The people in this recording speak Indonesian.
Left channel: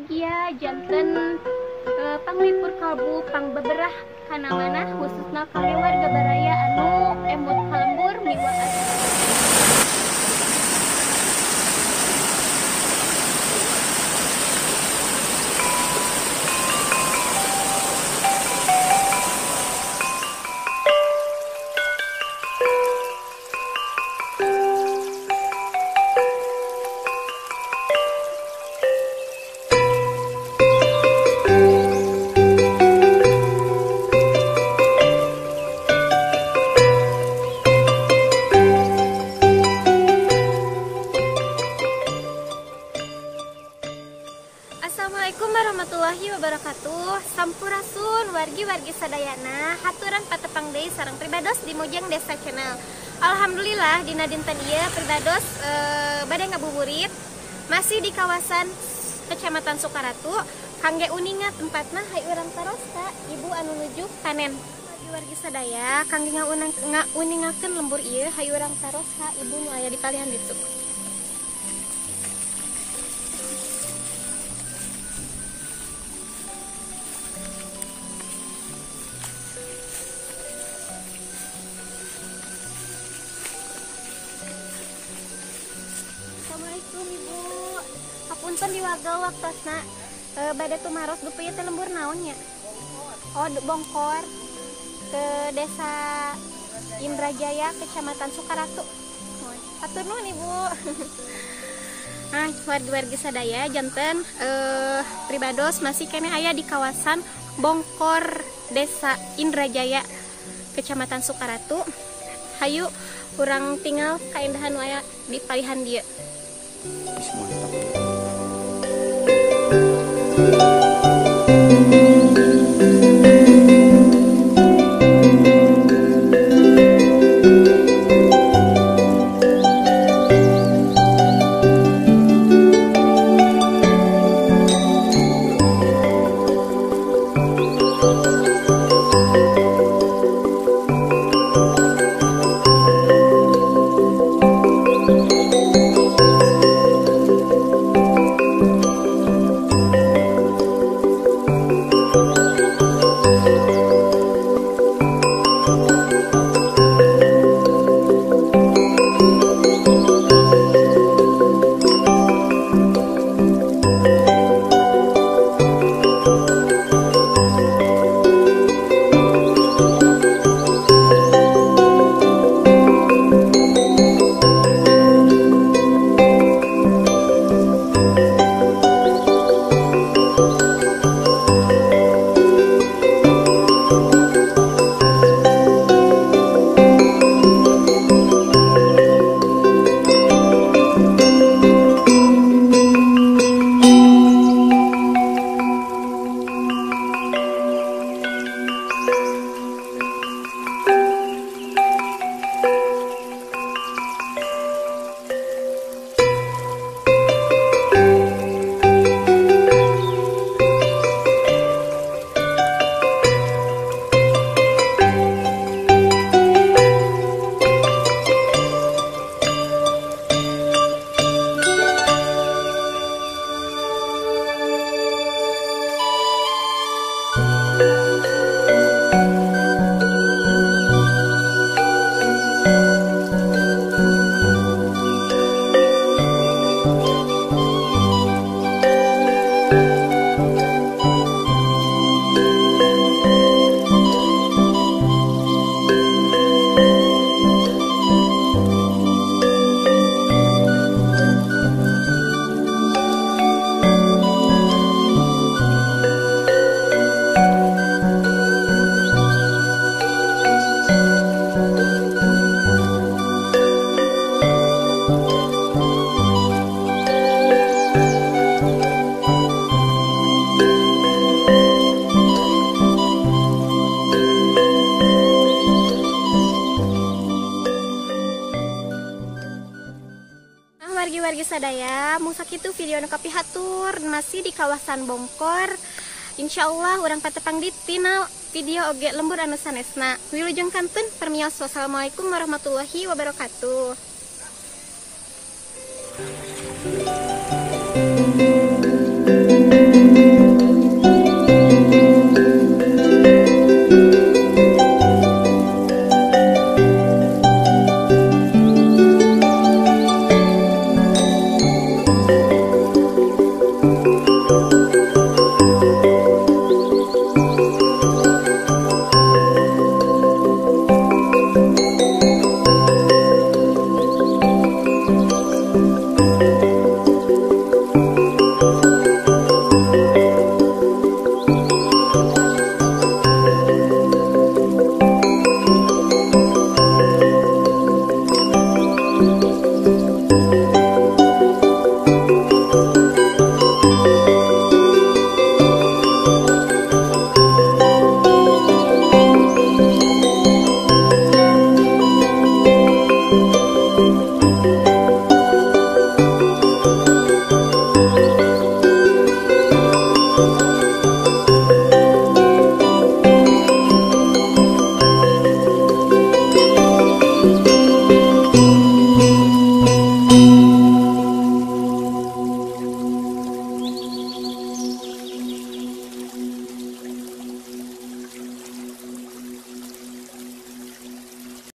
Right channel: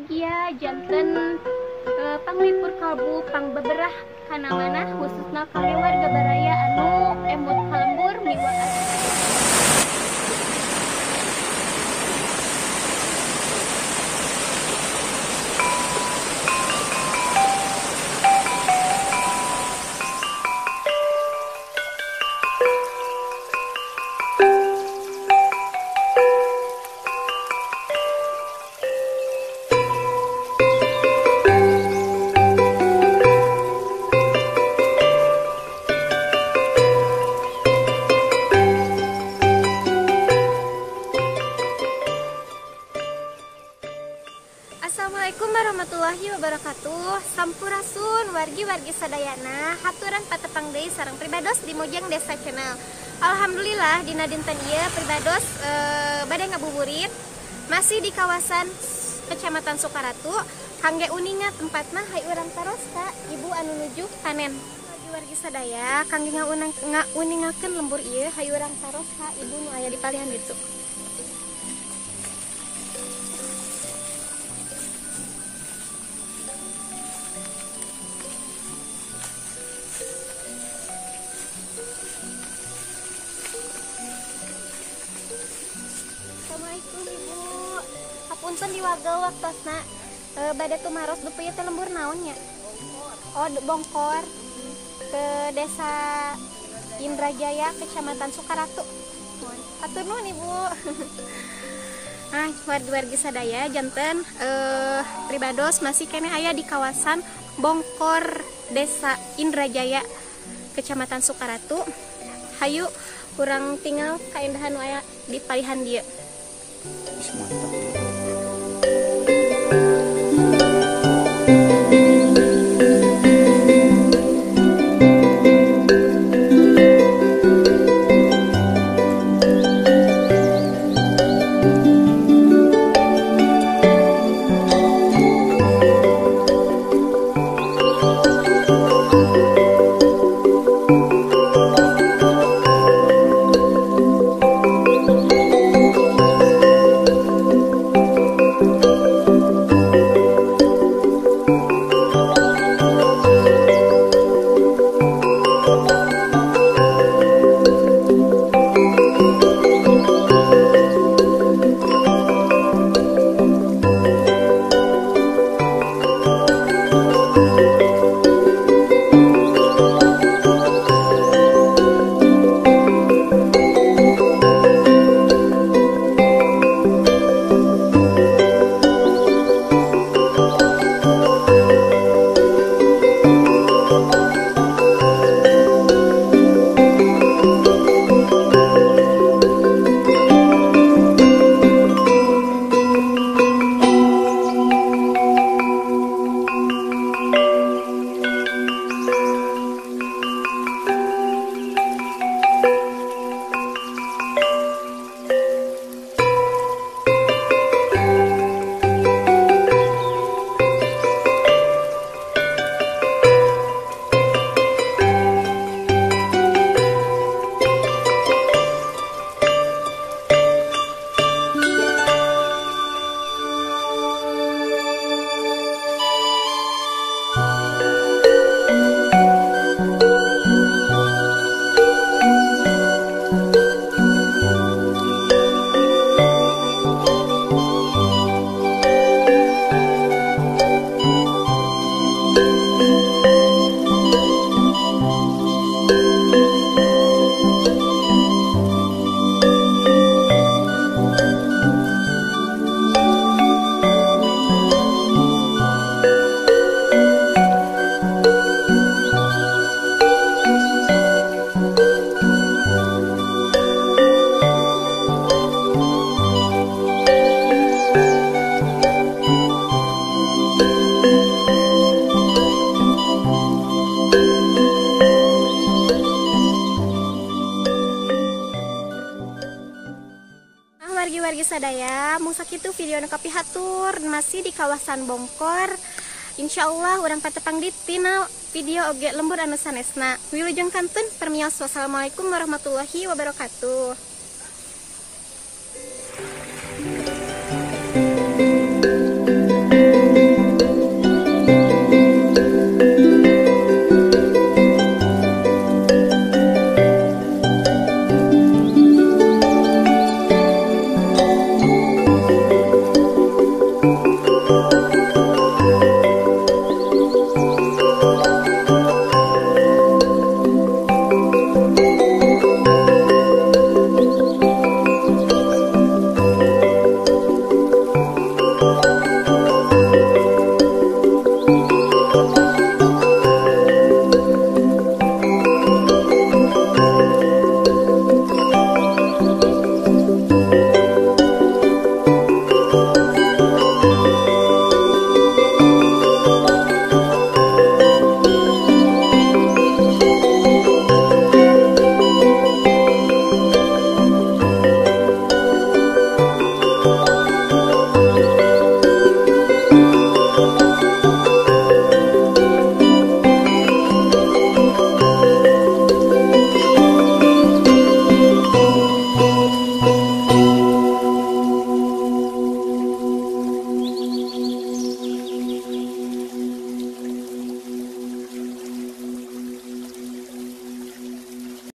mugia janten panglipur kalbu pang beberah kana mana khususna kami warga baraya anu emut kalembur miwa Assalamualaikum warahmatullahi wabarakatuh. Sampurasun wargi-wargi sadayana, haturan patepang deui sareng pribados di Mojang Desa Channel. Alhamdulillah dina dinten ieu pribados bade ngabuburit masih di kawasan Kecamatan Sukaratu. Kangge uninga tempatna hay urang taros ka ibu anu nuju panen. Wargi-wargi sadaya kangge ngauningakeun lembur ieu hay urang taros ka ibu nu aya di palihan ditu. Assalamualaikum Ibu. Hapunten diwaga waktosna. Bade tumaros dupieu teh lembur naonnya? Oh, Bongkor ke Desa Indrajaya, Kecamatan Sukaratu. Hatur nuhun Ibu. Nah, wargi-wargi sadaya janten pribados masih kene aya di kawasan Bongkor Desa Indrajaya, Kecamatan Sukaratu. Hayu urang tinggal kaindahan nu aya di palihan dieu. Mantap. Wargi-wargi sadaya, mung sakitu video nu kapihatur masih di kawasan Bongkor. Insyaallah urang patepang di tina video oge lembur anu sanesna. Wilujeng kantun permios. Wassalamualaikum warahmatullahi wabarakatuh.